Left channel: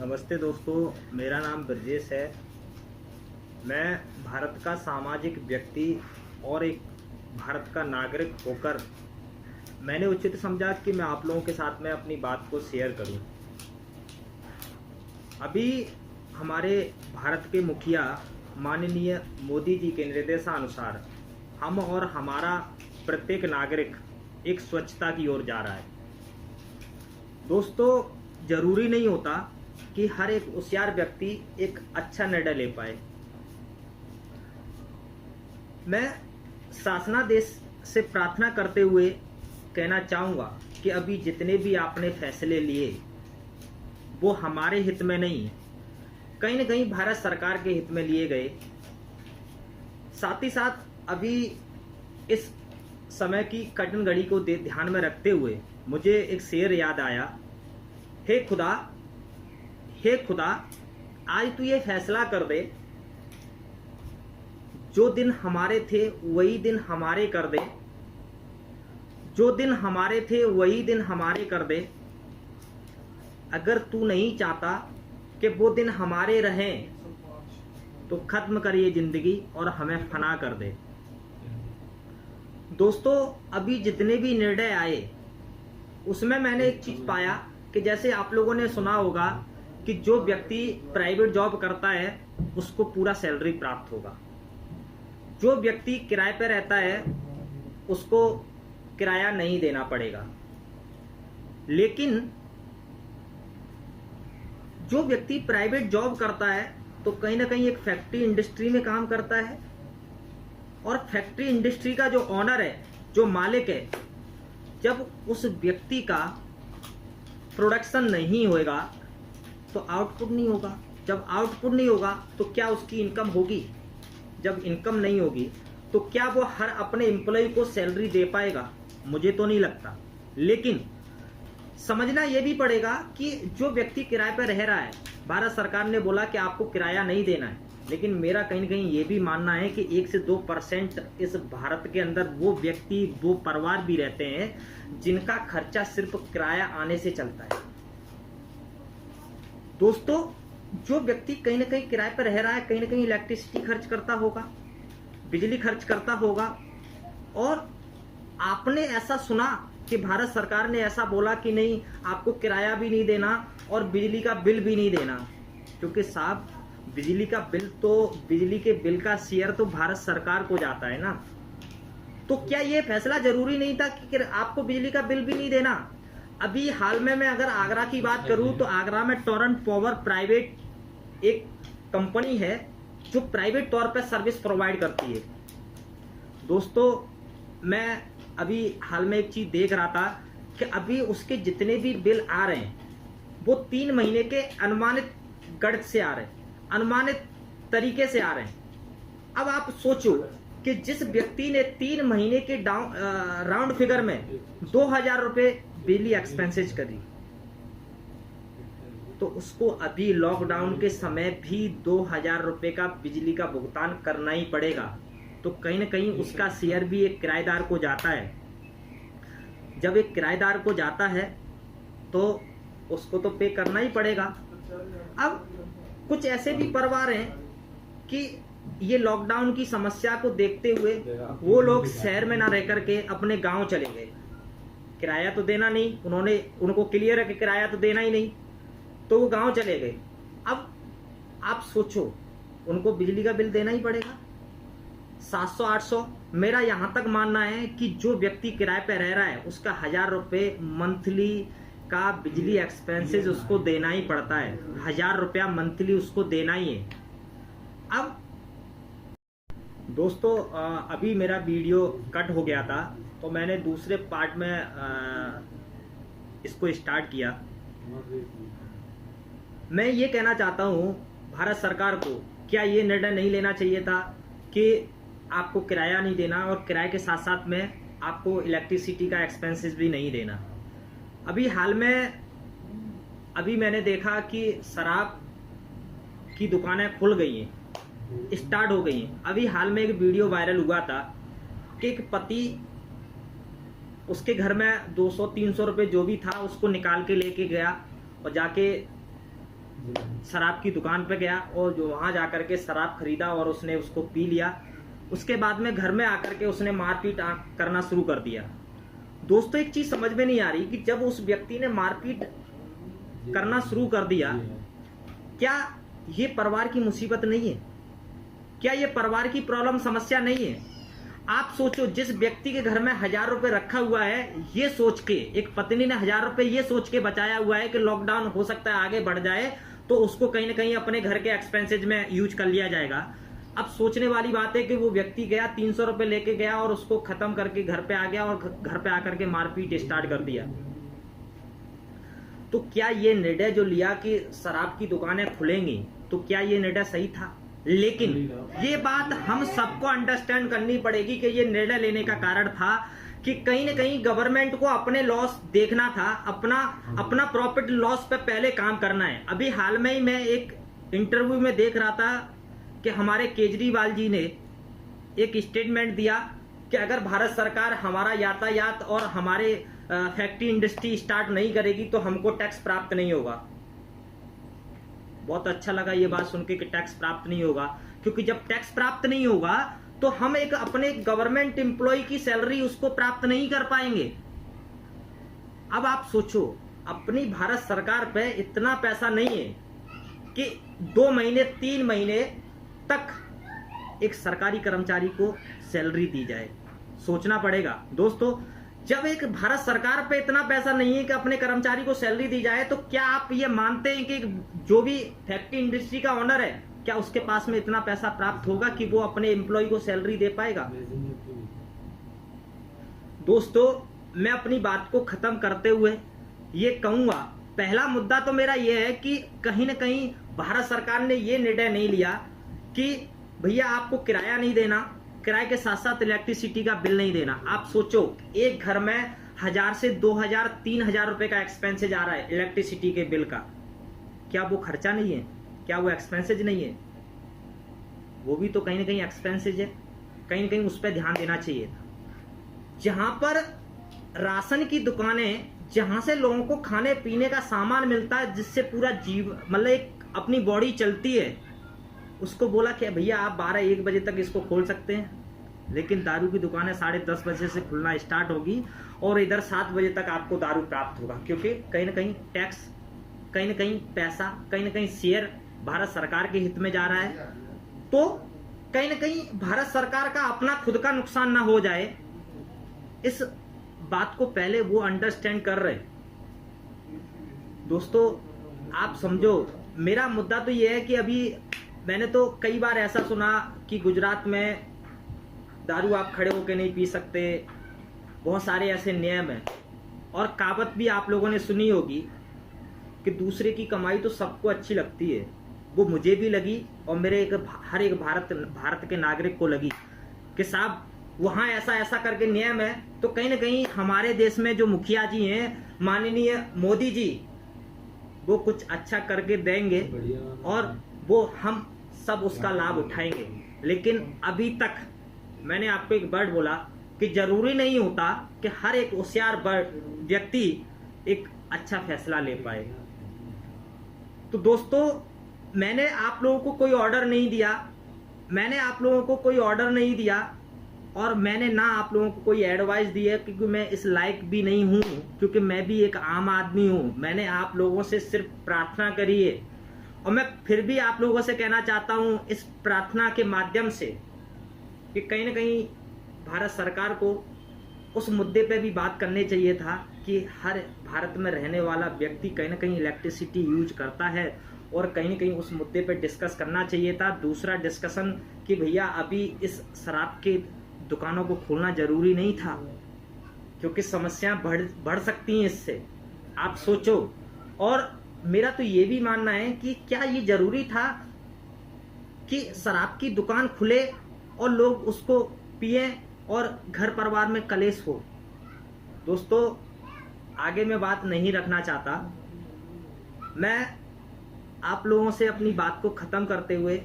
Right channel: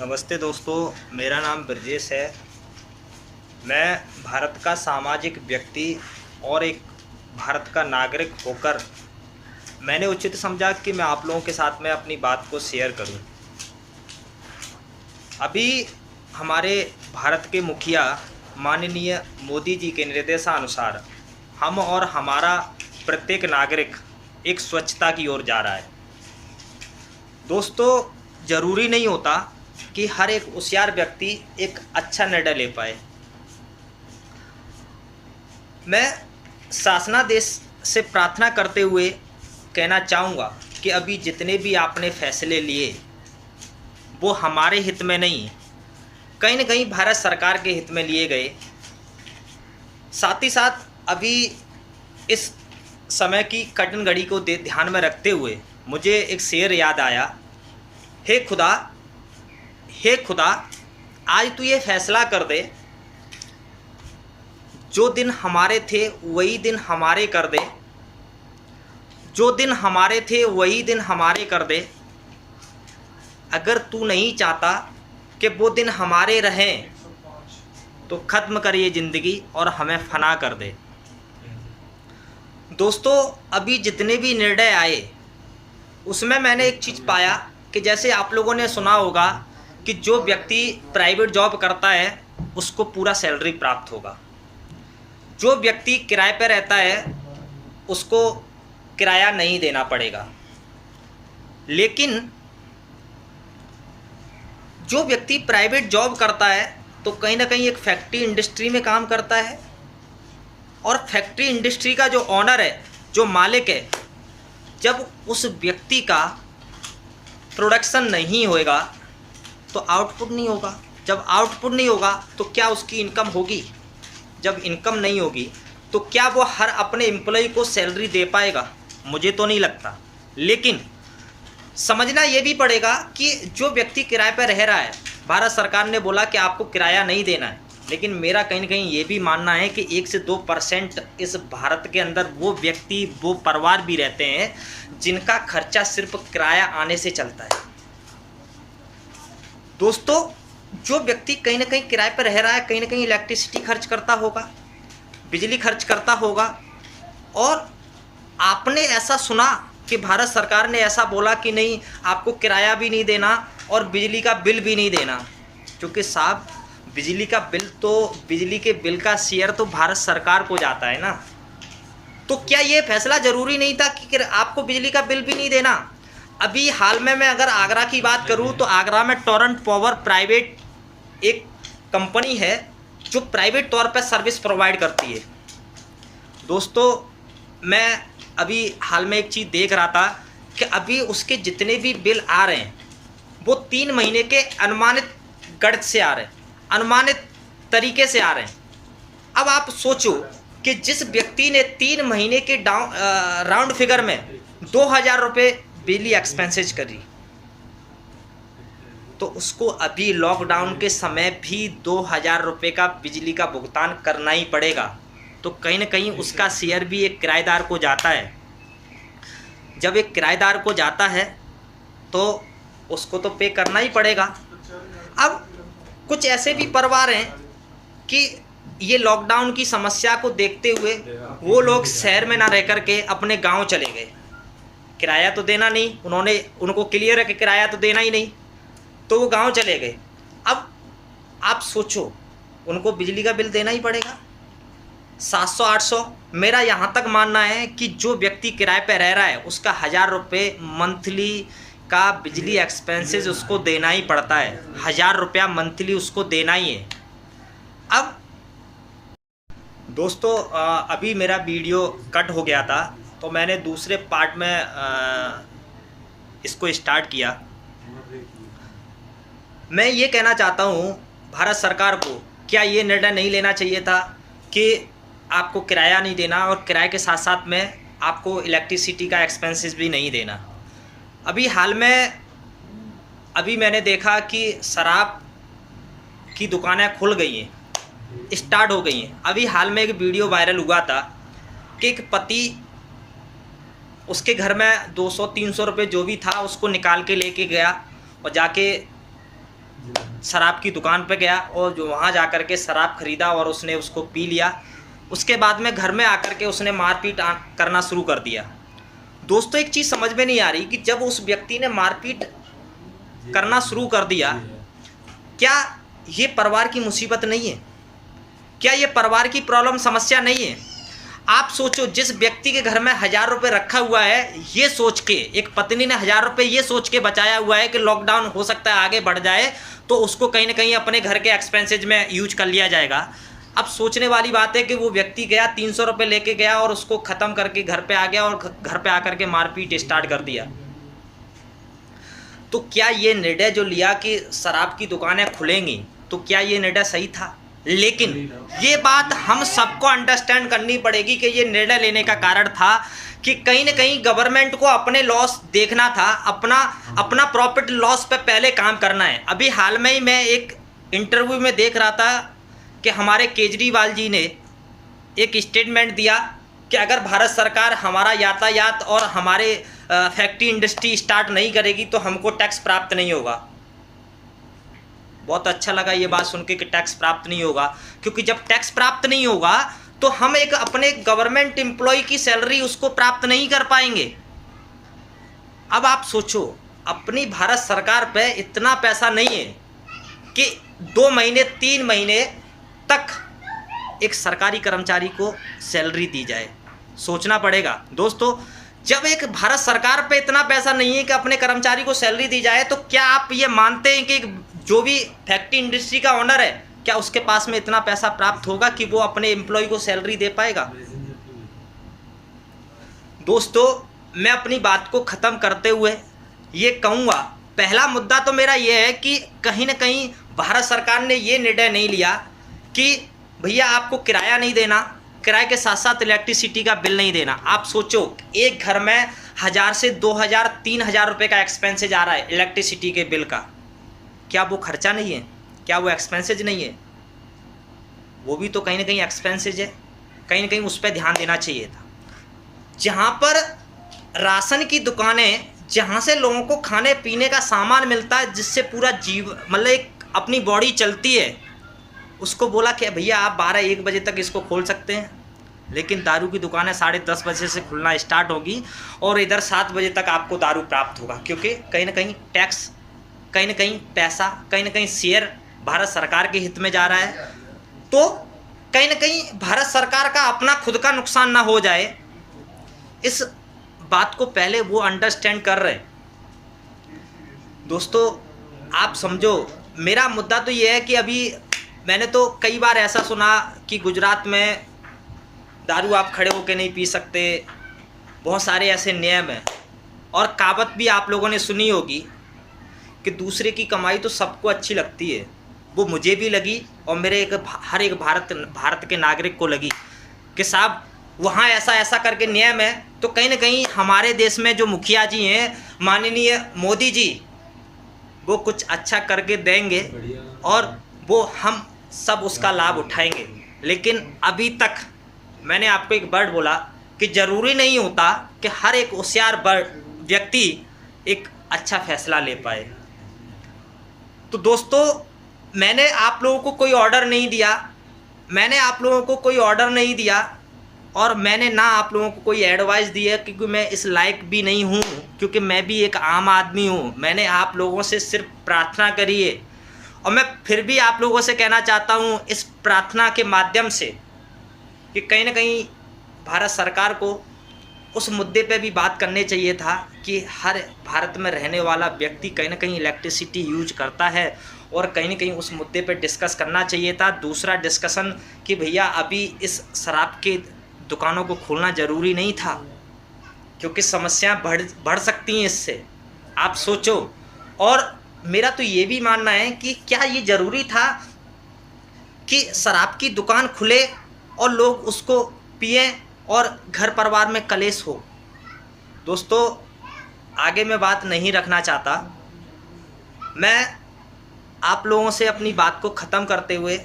नमस्ते दोस्तों, मेरा नाम ब्रजेश है। मैं भारत का सामाजिक व्यक्ति और एक भारत का नागरिक होकर मैंने उचित समझा कि मैं आप लोगों के साथ में अपनी बात को शेयर करूं। अभी हमारे भारत के मुखिया माननीय मोदी जी के निर्देशानुसार हम और हमारा प्रत्येक नागरिक एक स्वच्छता की ओर जा रहा है। दोस्तों, ज़रूरी नहीं होता कि हर एक होशियार व्यक्ति एक अच्छा निर्णय ले पाए। मैं शासनादेश से प्रार्थना करते हुए कहना चाहूँगा कि अभी जितने भी आपने फैसले लिए वो हमारे हित में नहीं, कहीं न कहीं भारत सरकार के हित में लिए गए। साथ ही साथ अभी इस समय की कठिन घड़ी को ध्यान में रखते हुए मुझे एक शेर याद आया। हे खुदा, हे खुदा, आज तू ये फैसला कर दे, जो दिन हमारे थे वही दिन हमारे कर दे, जो दिन हमारे थे वही दिन हमारे कर दे। अगर तू नहीं चाहता कि वो दिन हमारे रहें तो ख़त्म कर ये ज़िंदगी और हमें फना कर दे। दोस्तों, अभी जितने भी निर्णय आए उसमें मैंने एक चीज़ पाया कि जैसे आप लोगों ने सुना होगा कि जो व्यक्ति प्राइवेट जॉब करता है उसको पूरा सैलरी प्राप्त होगा, जो व्यक्ति किराए पर रहता है उसको किराया नहीं देना पड़ेगा। लेकिन जो व्यक्ति प्राइवेट जॉब करता है तो कहीं ना कहीं एक फैक्ट्री इंडस्ट्री में काम करता है, और फैक्ट्री इंडस्ट्री का जो ऑनर है, जो मालिक है, जब उस व्यक्ति का प्रोडक्शन नहीं होगा तो आउटपुट नहीं होगा। जब आउटपुट नहीं होगा तो क्या उसकी इनकम होगी? जब इनकम नहीं होगी तो क्या वो हर अपने एम्प्लॉय को सैलरी दे पाएगा? मुझे तो नहीं लगता। लेकिन समझना ये भी पड़ेगा कि जो व्यक्ति किराए पर रह रहा है, भारत सरकार ने बोला कि आपको किराया नहीं देना है, लेकिन मेरा कहीं ना कहीं ये भी मानना है कि 1 से 2% इस भारत के अंदर वो व्यक्ति, वो परिवार भी रहते हैं जिनका खर्चा सिर्फ किराया आने से चलता है। दोस्तों, जो व्यक्ति कहीं ना कहीं किराए पर रह रहा है, कहीं ना कहीं इलेक्ट्रिसिटी खर्च करता होगा, बिजली खर्च करता होगा, और आपने ऐसा सुना कि भारत सरकार ने ऐसा बोला कि नहीं, आपको किराया भी नहीं देना और बिजली का बिल भी नहीं देना। क्योंकि साहब, बिजली का बिल तो, बिजली के बिल का शेयर तो भारत सरकार को जाता है ना। तो क्या ये फैसला ज़रूरी नहीं था कि आपको बिजली का बिल भी नहीं देना? अभी हाल में मैं अगर आगरा की बात करूं तो आगरा में टोरेंट पावर प्राइवेट एक कंपनी है जो प्राइवेट तौर पर सर्विस प्रोवाइड करती है। दोस्तों, मैं अभी हाल में एक चीज़ देख रहा था कि अभी उसके जितने भी बिल आ रहे हैं वो 3 महीने के अनुमानित गणित से आ रहे हैं, अनुमानित तरीके से आ रहे हैं। अब आप सोचो कि जिस व्यक्ति ने 3 महीने के राउंड फिगर में 2000 रुपये बिजली एक्सपेंसेज करी, तो उसको अभी लॉकडाउन के समय भी 2000 रुपये का बिजली का भुगतान करना ही पड़ेगा। तो कहीं ना कहीं उसका शेयर भी एक किराएदार को जाता है। जब एक किराएदार को जाता है तो उसको तो पे करना ही पड़ेगा। अब कुछ ऐसे भी परिवार हैं कि ये लॉकडाउन की समस्या को देखते हुए वो लोग शहर में ना रह कर के अपने गांव चले गए। किराया तो देना नहीं, उनको क्लियर है कि किराया तो देना ही नहीं, तो वो गांव चले गए। अब आप सोचो, उनको बिजली का बिल देना ही पड़ेगा 700-800। मेरा यहाँ तक मानना है कि जो व्यक्ति किराए पर रह रहा है उसका 1000 रुपये मंथली का बिजली एक्सपेंसेस उसको देना ही पड़ता है। 1000 रुपया मंथली उसको देना ही है। अब दोस्तों, अभी मेरा वीडियो कट हो गया था तो मैंने दूसरे पार्ट में इसको स्टार्ट किया। मैं ये कहना चाहता हूँ भारत सरकार को, क्या ये निर्णय नहीं लेना चाहिए था कि आपको किराया नहीं देना और किराए के साथ साथ में आपको इलेक्ट्रिसिटी का एक्सपेंसेस भी नहीं देना? अभी हाल में अभी मैंने देखा कि शराब की दुकानें खुल गई हैं, स्टार्ट हो गई हैं। अभी हाल में एक वीडियो वायरल हुआ था कि एक पति, उसके घर में 200-300 रुपये जो भी था उसको निकाल के लेके गया और जाके शराब की दुकान पे गया और जो वहाँ जा कर के शराब खरीदा और उसने उसको पी लिया। उसके बाद में घर में आकर के उसने मारपीट करना शुरू कर दिया। दोस्तों एक चीज़ समझ में नहीं आ रही कि जब उस व्यक्ति ने मारपीट करना शुरू कर दिया, क्या ये परिवार की मुसीबत नहीं है? क्या ये परिवार की प्रॉब्लम समस्या नहीं है? आप सोचो, जिस व्यक्ति के घर में 1000 रुपये रखा हुआ है, ये सोच के, एक पत्नी ने 1000 रुपये ये सोच के बचाया हुआ है कि लॉकडाउन हो सकता है आगे बढ़ जाए तो उसको कहीं ना कहीं अपने घर के एक्सपेंसेज में यूज कर लिया जाएगा। अब सोचने वाली बात है कि वो व्यक्ति गया 300 रुपये लेके गया और उसको ख़त्म करके घर पे आ गया और घर पे आकर के मारपीट स्टार्ट कर दिया। तो क्या ये निर्णय जो लिया कि शराब की दुकानें खुलेंगी, तो क्या ये निर्णय सही था? लेकिन ये बात हम सबको अंडरस्टैंड करनी पड़ेगी कि ये निर्णय लेने का कारण था कि कहीं ना कहीं गवर्नमेंट को अपने लॉस देखना था, अपना प्रॉफिट लॉस पे पहले काम करना है। अभी हाल में ही मैं एक इंटरव्यू में देख रहा था कि हमारे केजरीवाल जी ने एक स्टेटमेंट दिया कि अगर भारत सरकार हमारा यातायात और हमारे फैक्ट्री इंडस्ट्री स्टार्ट नहीं करेगी तो हमको टैक्स प्राप्त नहीं होगा। बहुत अच्छा लगा ये बात सुन के कि टैक्स प्राप्त नहीं होगा, क्योंकि जब टैक्स प्राप्त नहीं होगा तो हम एक अपने गवर्नमेंट एम्प्लॉय की सैलरी उसको प्राप्त नहीं कर पाएंगे। अब आप सोचो, अपनी भारत सरकार पे इतना पैसा नहीं है कि 2 महीने 3 महीने तक एक सरकारी कर्मचारी को सैलरी दी जाए। सोचना पड़ेगा दोस्तों, जब एक भारत सरकार पे इतना पैसा नहीं है कि अपने कर्मचारी को सैलरी दी जाए, तो क्या आप ये मानते हैं कि जो भी फैक्ट्री इंडस्ट्री का ओनर है, क्या उसके पास में इतना पैसा प्राप्त होगा कि वो अपने एम्प्लॉय को सैलरी दे पाएगा? दोस्तों मैं अपनी बात को ख़त्म करते हुए ये कहूँगा, पहला मुद्दा तो मेरा ये है कि कहीं ना कहीं भारत सरकार ने ये निर्णय नहीं लिया कि भैया आपको किराया नहीं देना, किराए के साथ साथ इलेक्ट्रिसिटी का बिल नहीं देना। आप सोचो, एक घर में 1000 से 2000 3000 रुपये का एक्सपेंसेज आ रहा है इलेक्ट्रिसिटी के बिल का। क्या वो खर्चा नहीं है? क्या वो एक्सपेंसेज नहीं है? वो भी तो कहीं ना कहीं एक्सपेंसेज है। कहीं ना कहीं उस पर ध्यान देना चाहिए था। जहाँ पर राशन की दुकानें, जहाँ से लोगों को खाने पीने का सामान मिलता है, जिससे पूरा मतलब एक अपनी बॉडी चलती है, उसको बोला कि भैया आप 12-1 बजे तक इसको खोल सकते हैं, लेकिन दारू की दुकानें 10:30 बजे से खुलना स्टार्ट होगी और इधर 7 बजे तक आपको दारू प्राप्त होगा, क्योंकि कहीं ना कहीं टैक्स, कहीं ना कहीं पैसा, कहीं ना कहीं शेयर भारत सरकार के हित में जा रहा है। तो कहीं ना कहीं भारत सरकार का अपना खुद का नुकसान ना हो जाए, इस बात को पहले वो अंडरस्टैंड कर रहे। दोस्तों आप समझो, मेरा मुद्दा तो ये है कि अभी मैंने तो कई बार ऐसा सुना कि गुजरात में दारू आप खड़े होकर नहीं पी सकते, बहुत सारे ऐसे नियम हैं। और कहावत भी आप लोगों ने सुनी होगी कि दूसरे की कमाई तो सबको अच्छी लगती है। वो मुझे भी लगी और मेरे हर एक भारत के नागरिक को लगी कि साहब वहाँ ऐसा ऐसा करके नियम है, तो कहीं ना कहीं हमारे देश में जो मुखिया जी हैं, माननीय मोदी जी, वो कुछ अच्छा करके देंगे और वो हम सब उसका लाभ उठाएंगे। लेकिन अभी तक मैंने आपको एक वर्ड बोला कि ज़रूरी नहीं होता कि हर एक होशियार व्यक्ति एक अच्छा फैसला ले पाए। तो दोस्तों मैंने आप लोगों को कोई ऑर्डर नहीं दिया, और मैंने ना आप लोगों को कोई एडवाइस दी है, क्योंकि मैं इस लायक भी नहीं हूँ, क्योंकि मैं भी एक आम आदमी हूँ। मैंने आप लोगों से सिर्फ प्रार्थना करी है, और मैं फिर भी आप लोगों से कहना चाहता हूँ इस प्रार्थना के माध्यम से कि कहीं ना कहीं भारत सरकार को उस मुद्दे पे भी बात करने चाहिए था कि हर भारत में रहने वाला व्यक्ति कहीं ना कहीं इलेक्ट्रिसिटी यूज करता है, और कहीं ना कहीं उस मुद्दे पे डिस्कस करना चाहिए था। दूसरा डिस्कशन कि भैया अभी इस शराब की दुकानों को खोलना ज़रूरी नहीं था, क्योंकि समस्याएं बढ़ सकती हैं इससे। आप सोचो, और मेरा तो ये भी मानना है कि क्या ये ज़रूरी था कि शराब की दुकान खुले और लोग उसको पिएं और घर परिवार में कलेश हो? दोस्तों आगे मैं बात नहीं रखना चाहता, मैं आप लोगों से अपनी बात को ख़त्म करते हुए